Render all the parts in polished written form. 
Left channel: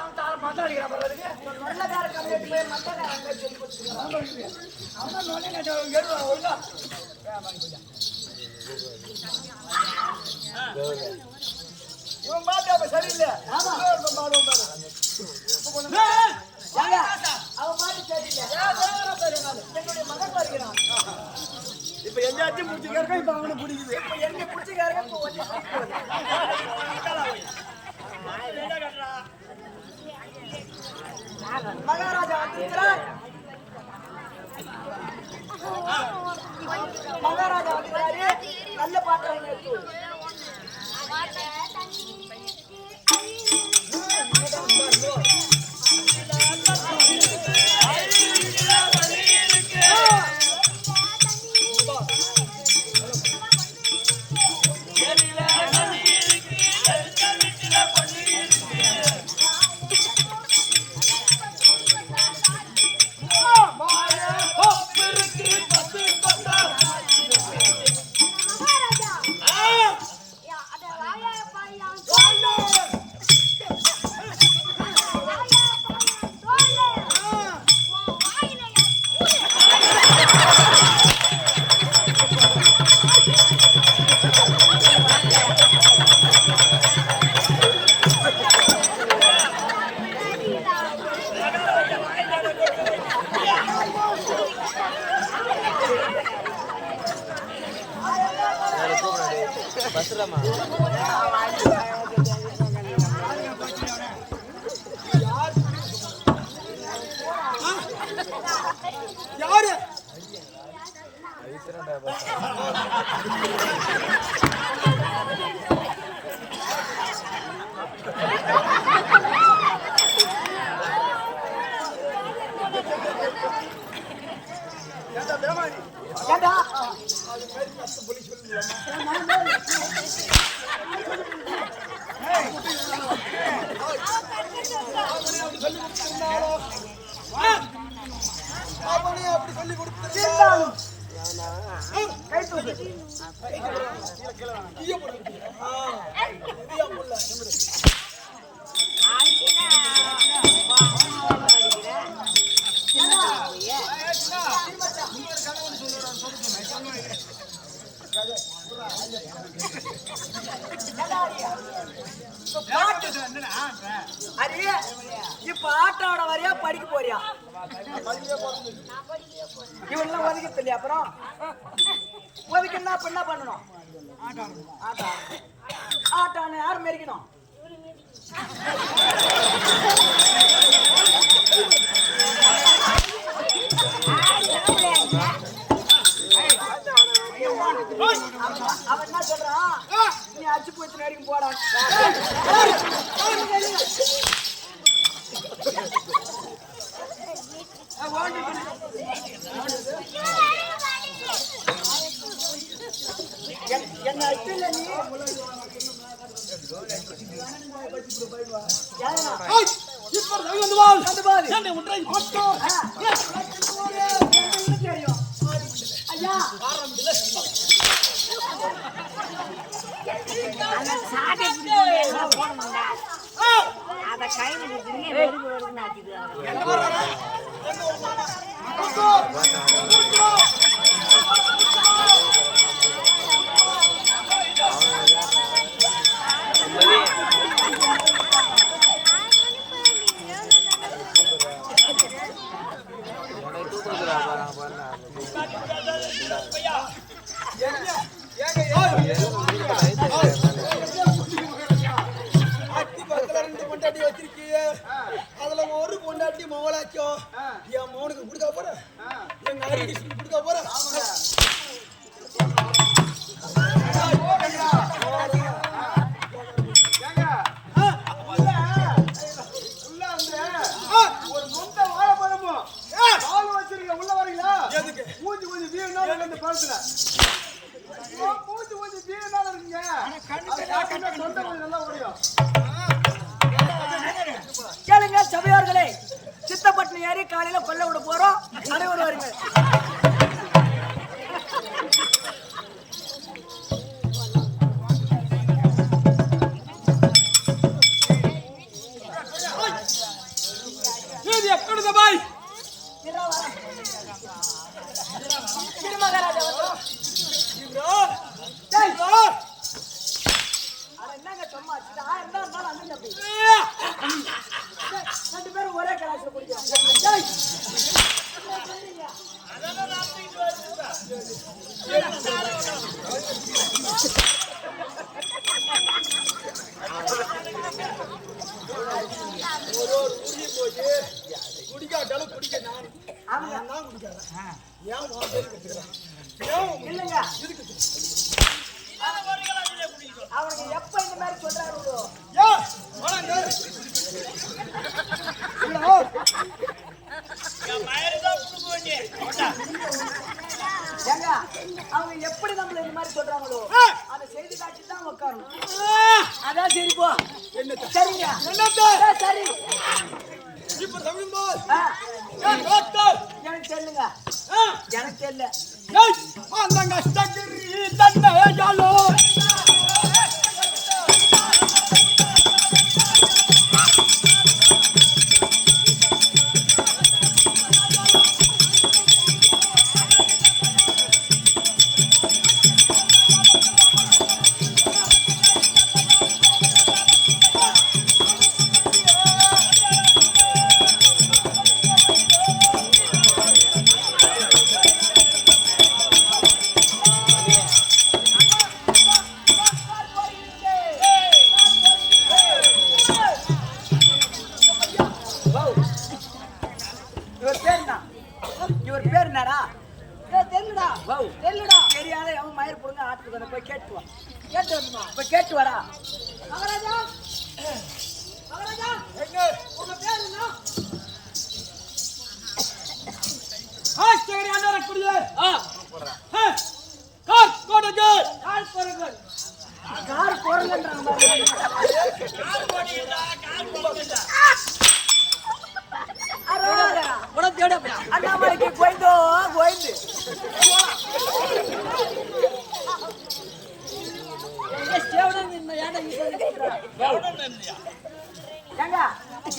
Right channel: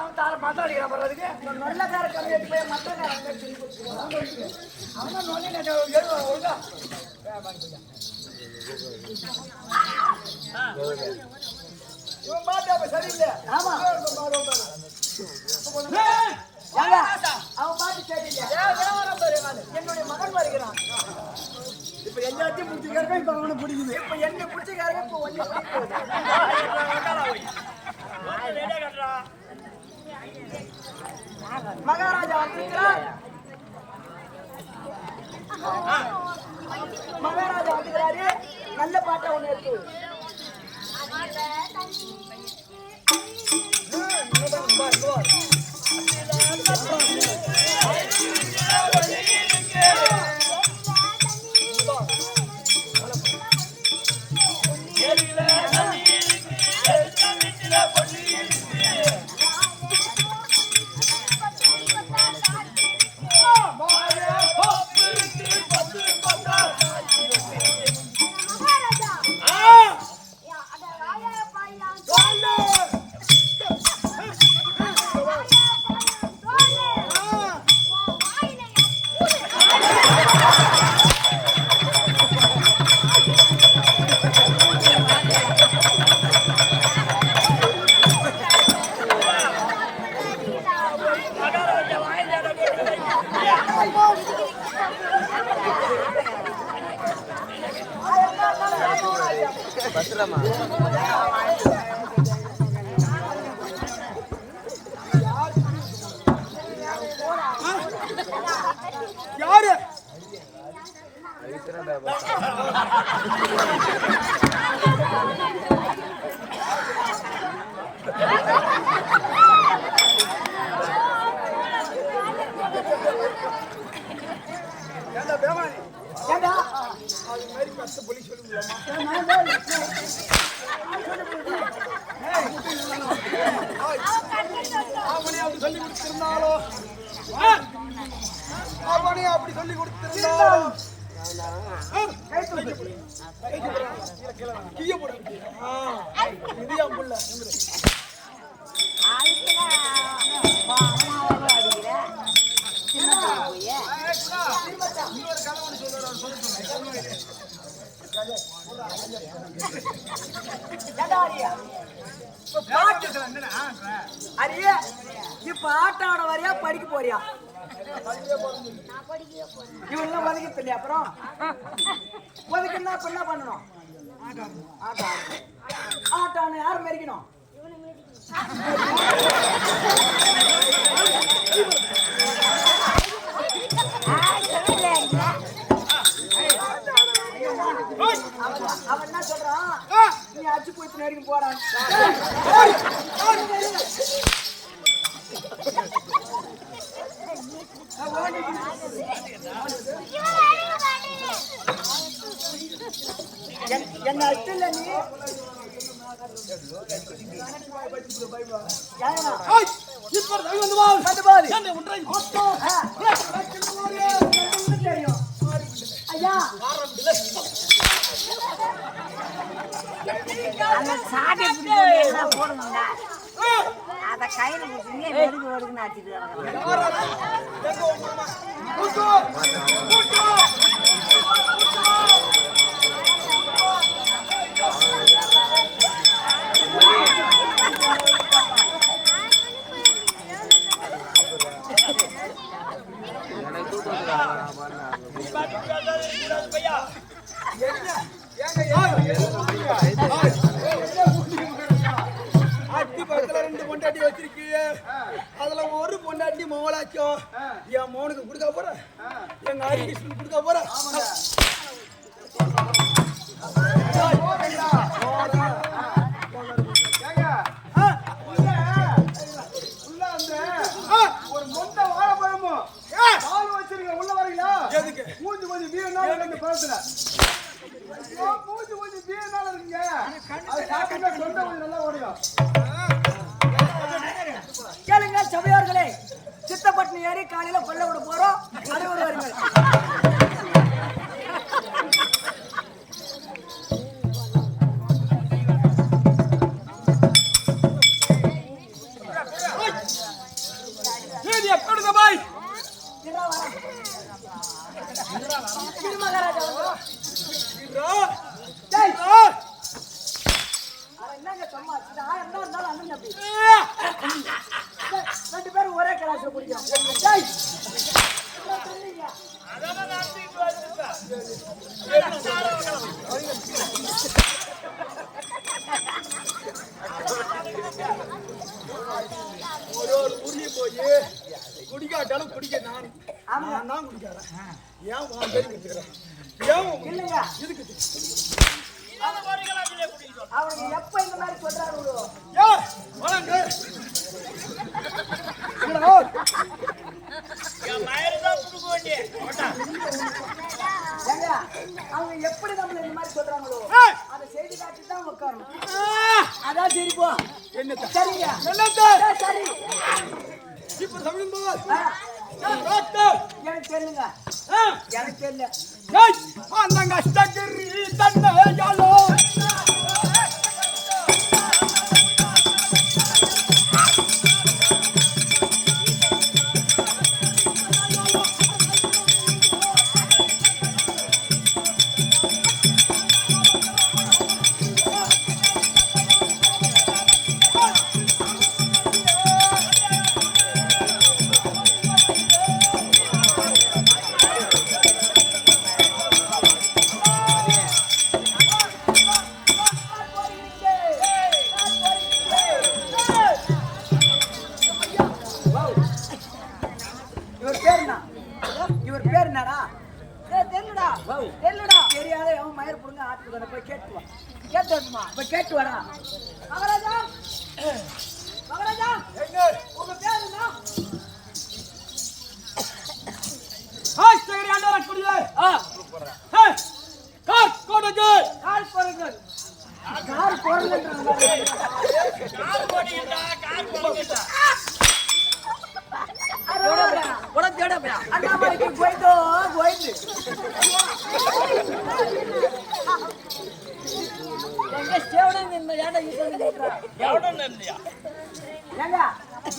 அவன் தார மாத்திரம் அடிக்கிறான் பண்றதுக்கு நல்லக்கார கம்மியாட்டு போய் மத்தக்காரன் சொல்லி கொடுத்துருக்கான் அவன் தான் நொல்லை எழுதுவான் ஒழுங்கா இவன் பாட்டு சரியில்லை ஆமா பாடுவோம் பாரு அவன் பாட்டு சரியில்லை என்னுடைய மகன் வருகிறான் இப்ப எல்லாத்தையும் பிடிச்சிக்காருக்கா இப்ப அவனை பிடிக்குது இப்ப என்ன பிடிச்சிக்காருக்க இப்ப ஒன்ன பிடிக்குது மகாராஜா வந்திருக்கிறார் மகாராஜா வந்துக்கிறாரு நல்ல பாட்டை ஒண்ணு எடுத்து யாரு அது மாதிரி கஷ்ட பொலி சொல்லுங்களாமா அவனே அப்படி சொல்லி கொடுத்திருந்தாலோ அவனே அப்படி சொல்லி கொடுத்திருந்தாலோ இதையா புள்ள இன்னொரு கதை ஒன்று சொல்லுவார் இப்ப ஆட்டோட வரையா படிக்க போறியா இவெல்லாம் ஒதுக்கிறது இல்லையா அப்புறம் ஒதுக்குன்னா இப்ப என்ன பண்ணணும் ஆட்டான யாரும் மெரிக்கணும் அவன் என்ன சொல்றான் நீ அச்சு போய் வரைக்கும் போறான் என்ன அச்சுல நீ தெரியும் ஐயா அத கையில நாட்டிட்டு அட்டி பக்கத்துல 2 பொண்டாட்டி வச்சிருக்கீங்க அதுல ஒரு பொண்டாட்டி மவளாச்சோ என் மோனுக்கு கொடுக்க போற எங்க ஆரிடிஸ்க்கு கொடுக்க போற உள்ள அந்த ஒரு மொண்ட வாழைப்பழமும் பால் வச்சிருக்க உள்ள வரீங்களா எதுக்கு மூஞ்சி கொஞ்சம் வீணால இந்த பழத்துல மூஞ்சி கொஞ்சம் வீணால இருக்குங்க அது சாப்பிட்டா தொண்டை கொஞ்சம் நல்லா ஓடியும் கேளுங்க சபையார்களே சித்தப்பட்டினம் ஏறி காலையில கொல்ல விட போறோம் அனைவரும் வருங்க பாய் இருடா வரேன். இரு மகாராஜா வந்து. டேய். அட என்னங்க சும்மா இது 1000 தான் இருந்தாலும் அண்ணன் தம்பி. டேய், ரெண்டு பேரும் ஒரே கிளாஸ்ல குடிக்கிறோம். டேய். அதான் நடத்திட்டு வந்துப்பா. ஒரு உரிய போய் குடிக்காட்டாலும் குடிக்க நான் தான் குடிக்காரன். ஏன் உன் பேர் கத்துக்கிறேன்? ஏன் இல்லைங்க இதுக்கு அவனுக்கு எப்ப இந்த மாதிரி சொல்றாரு? வணங்க ஏங்க அவங்க எப்படி நம்மள இந்த மாதிரி சொல்றாங்களோ அதை செய்தி காட்சி தான் உட்காரணும். அதான் சரி போ. என்ன சரிங்க சரி. இப்ப தமிழ் போல் எனக்கு தெரியலங்க. எனக்கு தெரியல. அந்த கஷ்டகிரி தன்னையாலோ இவர் பேர் என்னடா? தெரியலடா. தெரியலடா. தெரியாத அவன் மயிர் புடுங்க ஆட்டுக்கு வந்து போய் கேட்டு வா. கேட்டு வரணுமா? போய் கேட்டு வரா. மகாராஜா மகாராஜா உங்க பேர் என்ன? ஹாஸ்டரி அண்டர் குடியே கார் கோடகே கால் பொருங்கள். கார் பொருங்கன்றாங்க. கால் போடிடா கால் போடிடா. அண்ணாமலைக்கு போயிட்டோ போயிட்டு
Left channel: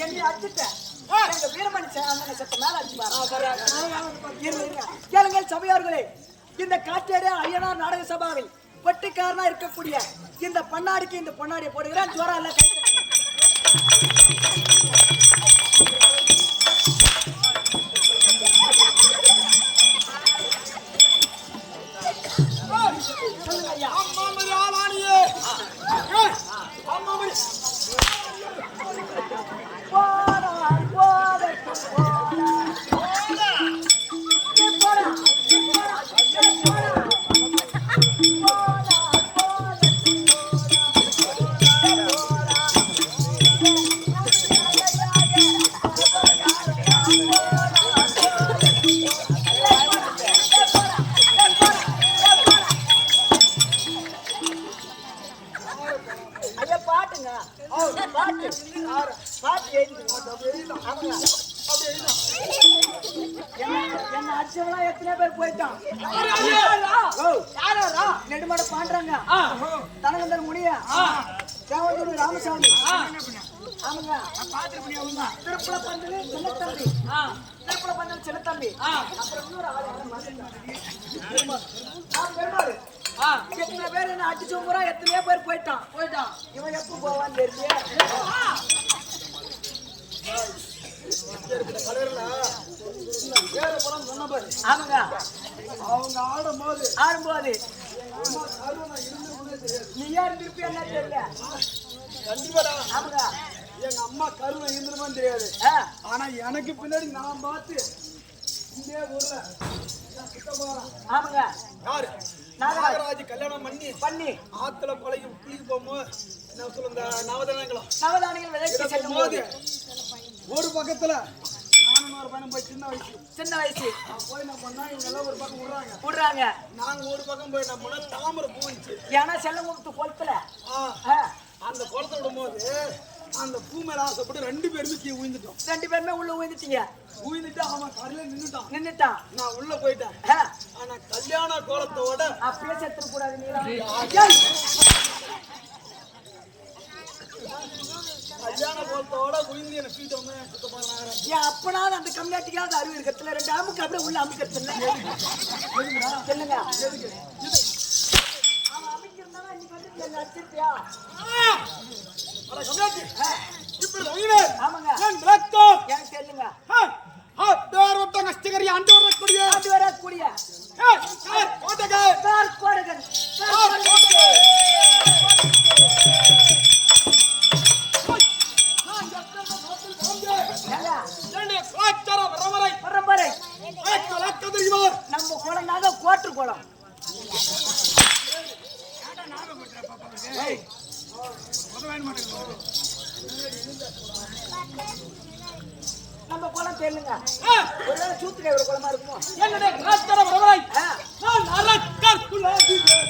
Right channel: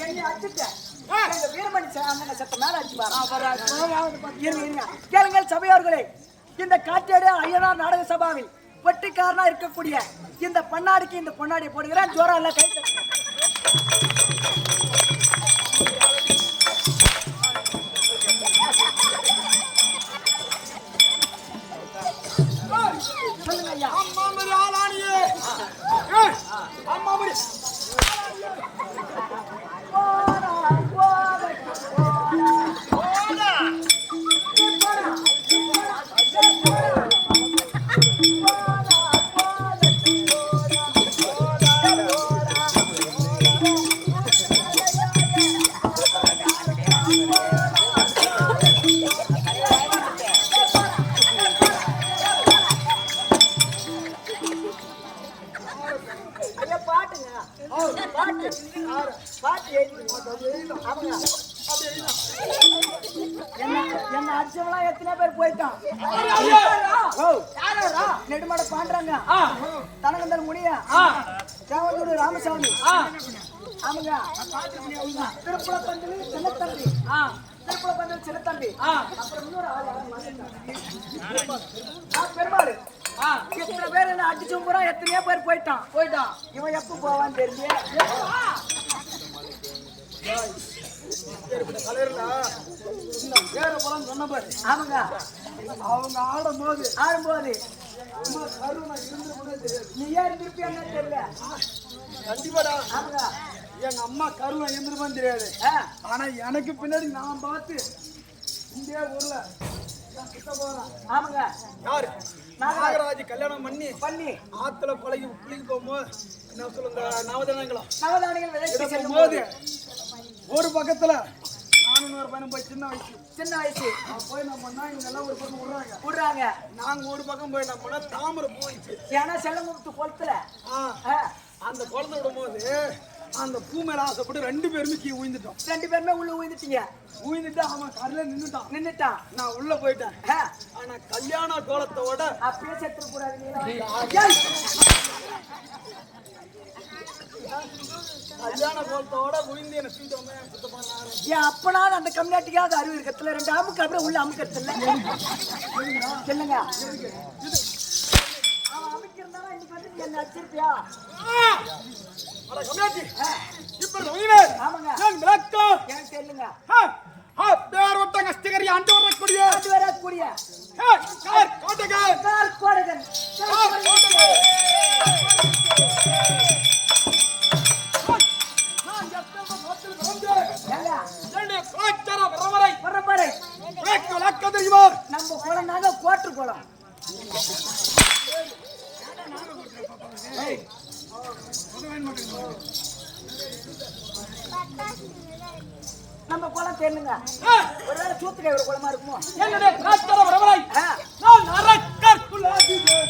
என்னை அடிச்சுட்டேன். வீரமணி அண்ணனை செத்த மேல அடிச்சு கேளுங்கள் சபையோர்களே. இந்த காட்டேரி ஐயனார் நாடக சபாவில் பட்டிக்காரனா இருக்கக்கூடிய இந்த பண்ணாடிக்கு இந்த பொன்னாடியை போடுகிறேன். ஜோரம் எல்லாம் கை தட்டுங்க. சொல்லுங்க ஐயா. அம்மா மரி ஆளானியே அம்மா மரி போடா போடா போடா போடா ஐயா பாட்டுங்க. பாட்டு பாட்டு எழுதிக்கணும். ஆமாங்க. என்ன அடிச்சவனா எத்தனை பேர் போயிட்டான்? யாரா? நெடுமாட பாண்டாங்க, தனகந்தர் முனியா, தேவதூர் ராமசாமி. ஆமாங்க. திருப்புல பந்தல் சின்னத்தம்பி. திருப்புல பந்தல் சின்னத்தம்பி. அப்புறம் இன்னொரு ஆள் யாரும் பெருமாள். எத்தனை பேர் என்ன அடிச்சு போறா? எத்தனையோ பேர் போயிட்டான். இவன் எப்ப போவான்னு தெரியல. சொன்ன பாரு. ஆமாங்க. அவங்க ஆடும்போது அம்மா கருணை இருந்து கூட தெரியாது. நீ யார் திருப்பி என்ன தெரியல. கண்டிப்பாடா. ஆமாங்க. எங்க அம்மா கருணை இருந்திருப்பான்னு தெரியாது. ஆனா எனக்கு பின்னாடி நான் பார்த்து இந்த ஊர்ல ஆமாங்க. யாரு நாகராஜ் கல்யாணம் பண்ணி ஆத்துல பழகி குளிக்க போகும்போது என்ன சொல்லுங்க நவதானியங்கள் விதைக்க செல்லும் போது ஒரு பக்கத்துல நானும் ஒரு பையனும் போய் சின்ன வயசு போய் என்ன பண்ணா இவங்க எல்லாம் ஒரு பக்கம் விடுறாங்க. நாங்க ஒரு பக்கம் போய் என்ன பண்ணா தாமரை போயிடுச்சு. ஏன்னா செல்லங்குளத்து குளத்துல அந்த குளத்தை விடும் போது அந்த பூ மேல ஆசைப்பட்டு 2 பேருமே கீழே விழுந்துட்டோம். 2 பேருமே உள்ள விழுந்துட்டீங்க. விழுந்துட்டு அவன் கரையில நின்னுட்டான். நான் உள்ள போயிட்டேன். ஆனா கல்யாண கோலத்தோட அப்படியே செத்துற கூடாது. கல்யாண கோலத்தோட உயிர்ந்து என்ன தூக்கிட்டு வந்து சுத்த போறாங்க. என் அப்பனால அந்த கம்யூனிட்டிக்காவது அறிவு இருக்கிறதுல 2 அமுக்கு அப்படியே உள்ள அமுக்கிறதுல சொல்லுங்க. அவன் அமைக்கிறதானா இன்னைக்கு வந்து நீ என்ன அடிச்சிருப்பியா? அட கம்யூனிட்டி இப்படி உயிரே ஆமாங்க நான் விளக்கம் எனக்கு சொல்லுங்க. பேர் ஒட்ட கஷ்டகரி ஆண்டு வரக்கூடிய ஆண்டு வரக்கூடிய கோட்டகன் கார் கோடகன் பரம்பரை நம்ம குளம்னாங்க கோட்டு குளம். நம்ம குளம் தெரியுங்க. ஒருவேளை சூத்துக்காய் ஒரு குளமா இருக்குமோ? என்னுடைய கலாச்சார பரம்பரை நான் அரக்கர் குலாதிபதி.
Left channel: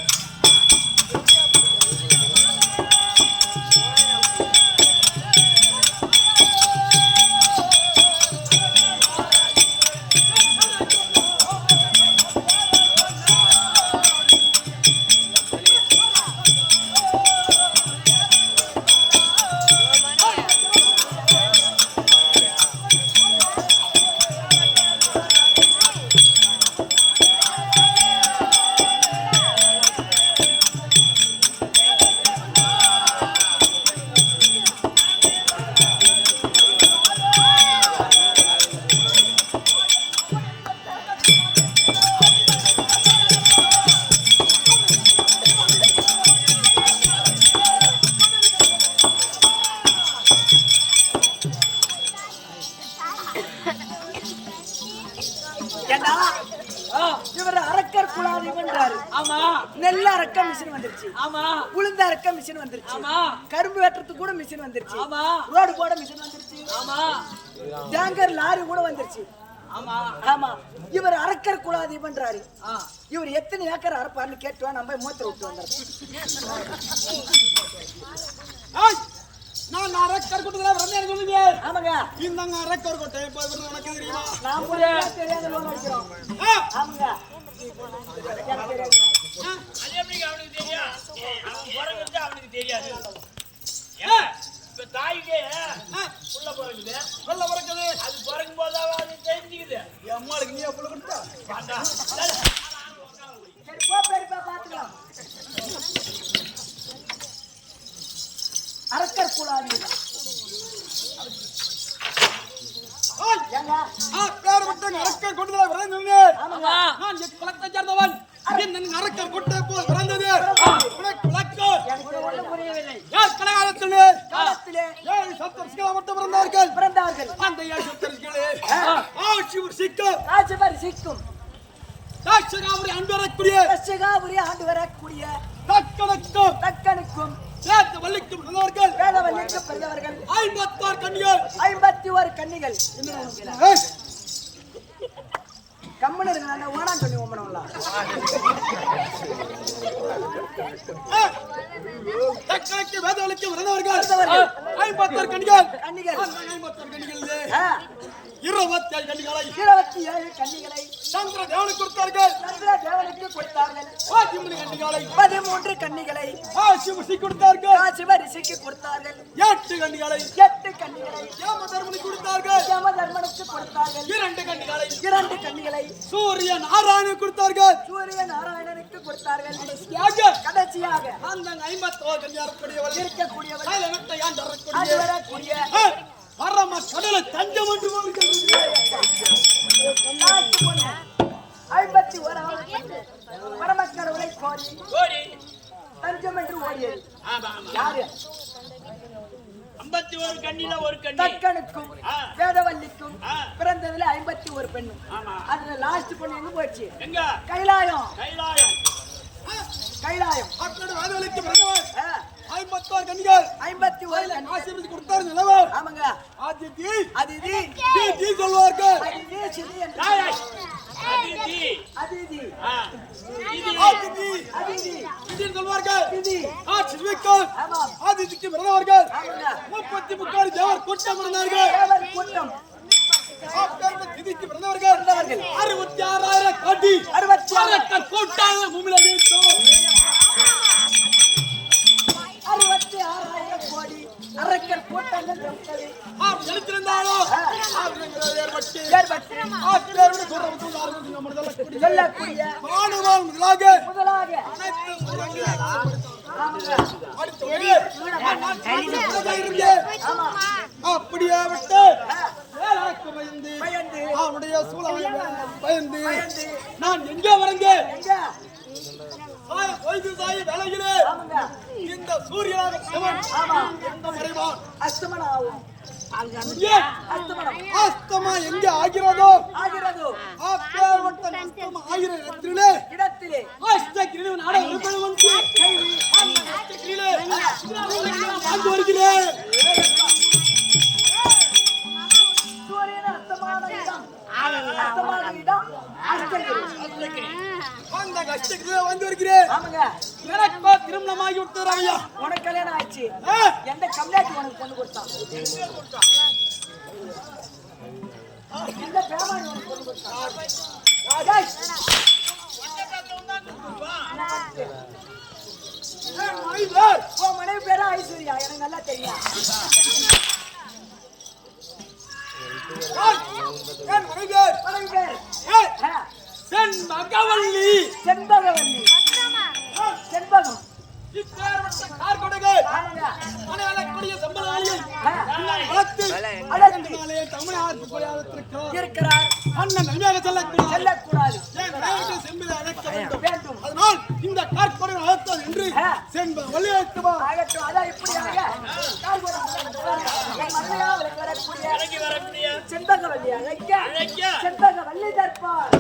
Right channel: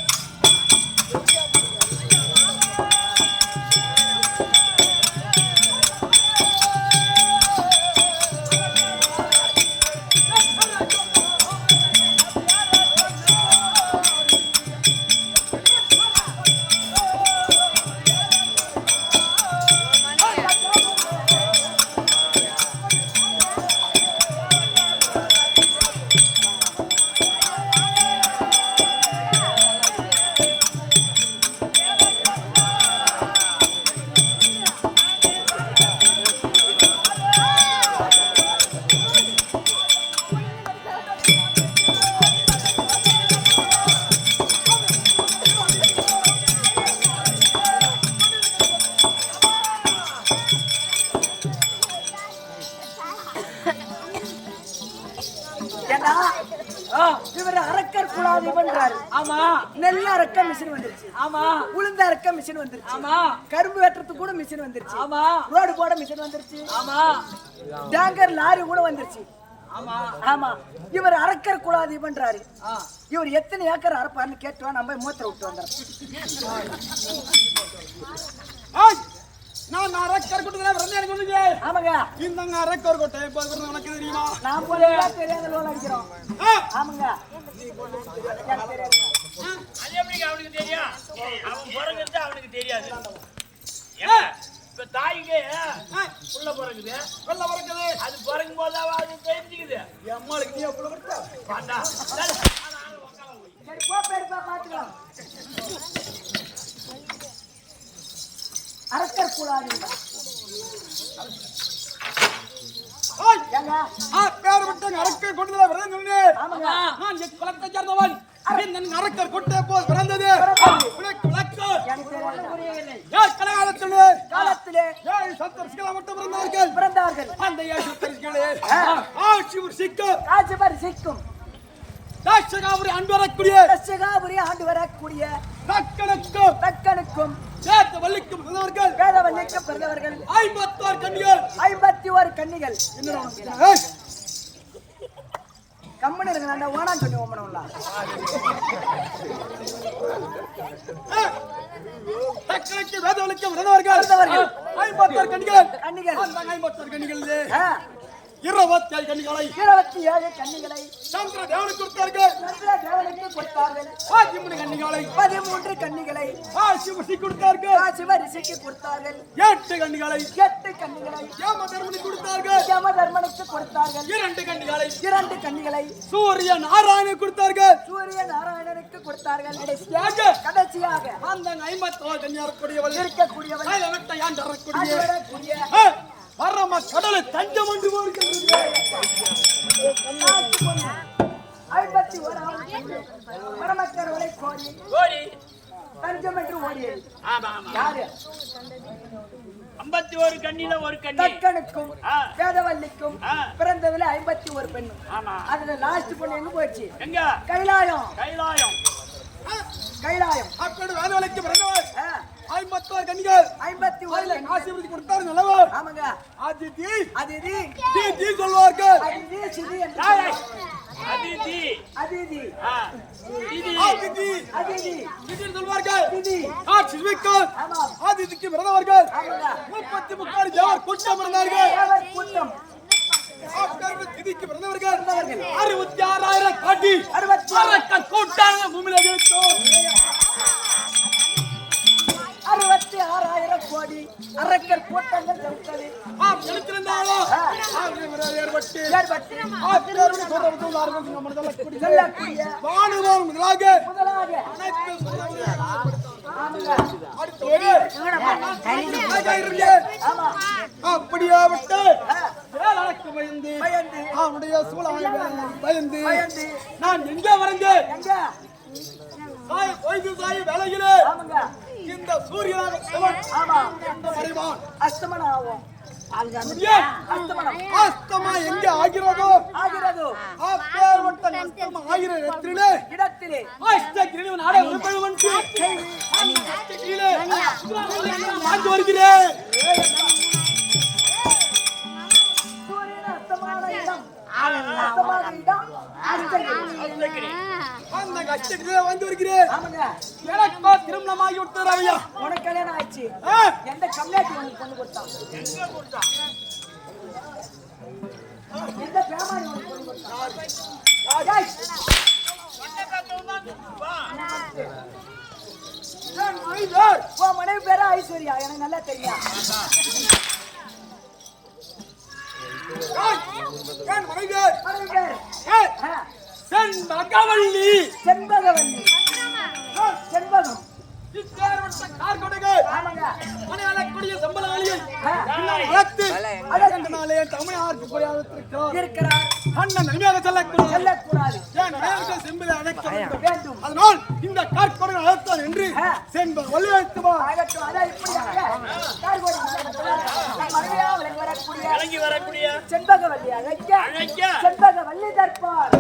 ஏன்னா இவர் அரக்கர் குலாதிபன்றாரு. ஆமா நெல் அரைக்க மிஷின் வந்துருச்சு. ஆமா உளுந்து அரைக்க மிஷின் வந்துருச்சு. ஆமா கரும்பு வெட்டுறதுக்கு கூட மிஷின் வந்துருச்சு. ஆமா ரோடு போட மிஷின் வந்துருச்சு. ஆமா டேங்கர் லாரி கூட வந்துருச்சு. ஆமா ஆமா இவர் அரக்கர் குலாதிபன்றாரு. ஆ இவர் எத்தனை ஏக்கர் அரைப்பாருன்னு கேட்டுவா நம்ம மூத்திர விட்டு வந்துடுறோம். நான் அரக்கர் கூட்டத்துல வந்து எனக்கு சொல்லுங்க. ஆமாங்க இந்தங்க அரக்கர் கோட்டை இப்போ உனக்கு தெரியுமா? நான் புரியல தெரியாத லோன் அடிக்கிறோம். ஆமாங்க எனக்கு தெரியாதுங்க. அது எப்படி அவனுக்கு தெரியும்? அவன் பிறகுது அவனுக்கு தெரியாது. ஏன்னா, இப்ப தாய்க்கு புள்ள பிறகுது வெள்ள பிறக்குது அது பிறக்கும் போதாவது அது தெரிஞ்சுக்குது. என் அம்மாளுக்கு நீ புள்ள கொடுத்தா பார்த்தா சரி போ பேடிப்பா பாத்துக்கலாம். அரக்கர் குலாதிபன் ஏங்க பேர் விட்டு அரக்கர் கூட்டத்துல வரேன்னு சொன்னேன். ஆமாங்க நான் என் குலத்தை சேர்ந்தவன். என் அரக்கர் கொட்டை போல் பிறந்தது உனக்கு விளக்கம் எனக்கு ஒன்றும் புரியவில்லை. ஏன் கலகாலத்தில் காலத்திலே 7 சப்தரிசிகள் மட்டும் பிறந்தார்கள். பிறந்தார்கள். அந்த 7 சப்தரிசிகளே சிவர் சிக்கம் ராஜபரி சிக்கும் தாட்சகாபுரி அன்பு வரக்கூடிய கஷ்டகாபுரி ஆண்டு வரக்கூடிய தக்கணக்கும் தக்கனுக்கும் சேர்த்து வள்ளிக்கும் பிறந்தவர்கள் வேதவல்லிக்கு பிறந்தவர்கள் 56 கன்னிகள் 51 கன்னிகள். என்னடா உனக்கு? கம்மனு இருங்க அந்த ஓனான்னு சொல்லி ஓமனம்லாம். தக்கனுக்கு வேதவல்லிக்கு பிறந்தவர்கள் 56 கன்னிகள். கன்னிகள் அந்த 56 கன்னிகளிலே ஆ, 27 கன்னிகளை 27 கன்னிகளை சந்திர தேவனுக்கு கொடுத்தார்கள். சந்திர தேவனுக்கு கொடுத்தார்கள். 13 கன்னிகளை 13 கன்னிகளை சிவசி கொடுத்தார்கள். சிவ ரிஷிக்கு கொடுத்தார்கள். 8 கன்னிகளை 8 கன்னிகளை ஏம தர்மனுக்கு கொடுத்தார்கள். யம தர்மனுக்கு கொடுத்தார்கள். 2 கன்னிகளை 2 கன்னிகளை சூரிய நாராயணனுக்கு கொடுத்தார்கள். சூரிய நாராயணனுக்கு கொடுத்தார்கள். கடைசியாக கடைசியாக அந்த 51 கன்னியார் கூடியவள் இருக்கக்கூடியவள் கைலவட்ட யான் அது தரக்கூடிய வரக்கூடிய பரம கடலை தஞ்சம் என்று போகின்றது. நாட்டு பொண்ணு 51வது பொண்ணு பரமக்கடவுளை கோரி கோடி தஞ்சம் என்று ஓடியது. ஆமா ஆமா யாரு? 51 கண்ணில ஒரு கண்ணி. தக்கனுக்கும் ஆ. வேதவல்லிக்கும் ஆ. பிறந்ததுல 51 பெண்ணு. ஆமா அதுல லாஸ்ட் பொண்ணு எங்க போச்சு? எங்க கைலாயம். கைலாயம் கைலாயம் அப்படி வேதவலைக்கு பிறந்தவர் ஆ, 51 கன்னிகள் 51 கன்னி. ஆசீர்வதி கொடுத்தாரு நல்லவர். ஆமாங்க ஆதிதி அதிதி தி சொல்வார்கள். அதிதி சிதி என்று சொல்லுவாங்க. அதிதி அதிதி ஆ இது ஆதிதி அதிதி இது சொல்வார்கள். சிதி ஆசிர்விக்கல் ஆமாம் ஆதிதிக்கு பிறந்தவர்கள் ஆமாங்க 33 தேவர் கூட்டம் இருந்தார்கள். தேவர் கூட்டம் அப்பேற்பட்ட திதிக்கு பிறந்தவர்கள் பிறந்தவர்கள் 66,000 கோடி 66 கூட்டாங்க பூமியில வைத்தோம். 66 சுத்தி 6000 கோடி அரக்கர் கூட்டங்கள் செலுத்தது. எழுத்திருந்தாலும் ஏற்பட்டு சொல்லக்கூடிய வானுவான் முதலாக அனைத்து ஆமாங்க அப்படியாவிட்டு வேளாக்கு பயந்து அவனுடைய சூழலை பயந்து நான் எங்கே வரைந்தேன் சாய் வேலையிலே இந்த சூரியனாக சிவன் எங்க மறைவான் அஸ்தமனாகும். அஸ்தமா எங்க ஆகிறதோ அப்பேற்பட்ட அஸ்தமா ஆகிற இடத்திலே அஷ்டகிரியிலே நாடே உருப்பெழுவன் அந்த அஷ்டகிரியிலே வாழ்ந்து வருகிறேன். சூரியன் அஸ்தமான இடம் அஸ்தமாக இடம் அஷ்டகிரி. அந்த அஷ்டகிரியிலே வந்து வருகிறேன். ஆமாங்க. எனக்கோ திருமணமாகி விட்டது ராமையா. உனக்கு கல்யாணம் ஆயிடுச்சு. எந்த கம்மியாச்சு உனக்கு பொண்ணு கொடுத்தான்? எந்த பேமாரி உனக்கு பொண்ணு கொடுத்தான்? உன் மனைவி பேரா ஐஸ்வர்யா? எனக்கு நல்லா தெரியும். மனைவி பேர் செண்பகவல்லி. செண்பகவல்லி. செண்பகம். ஆமாங்க. மனையாளக்கூடிய சம்பளாளியை இருக்கிறார். அண்ணன் நன்மையாக செல்லக்கூடாது. செம்பிலை அழைக்க வேண்டும். வேண்டும். அதனால் இந்த கார்கொடை அழைத்தான் என்று செண்பகவல்லி அழைத்துவா. ஆகட்டும். அதான் இப்படியாக கார்கொடை மனைவியா விளங்கி வரக்கூடிய செண்பகவல்லி அழைக்க செண்பகவல்லி தற்பார்.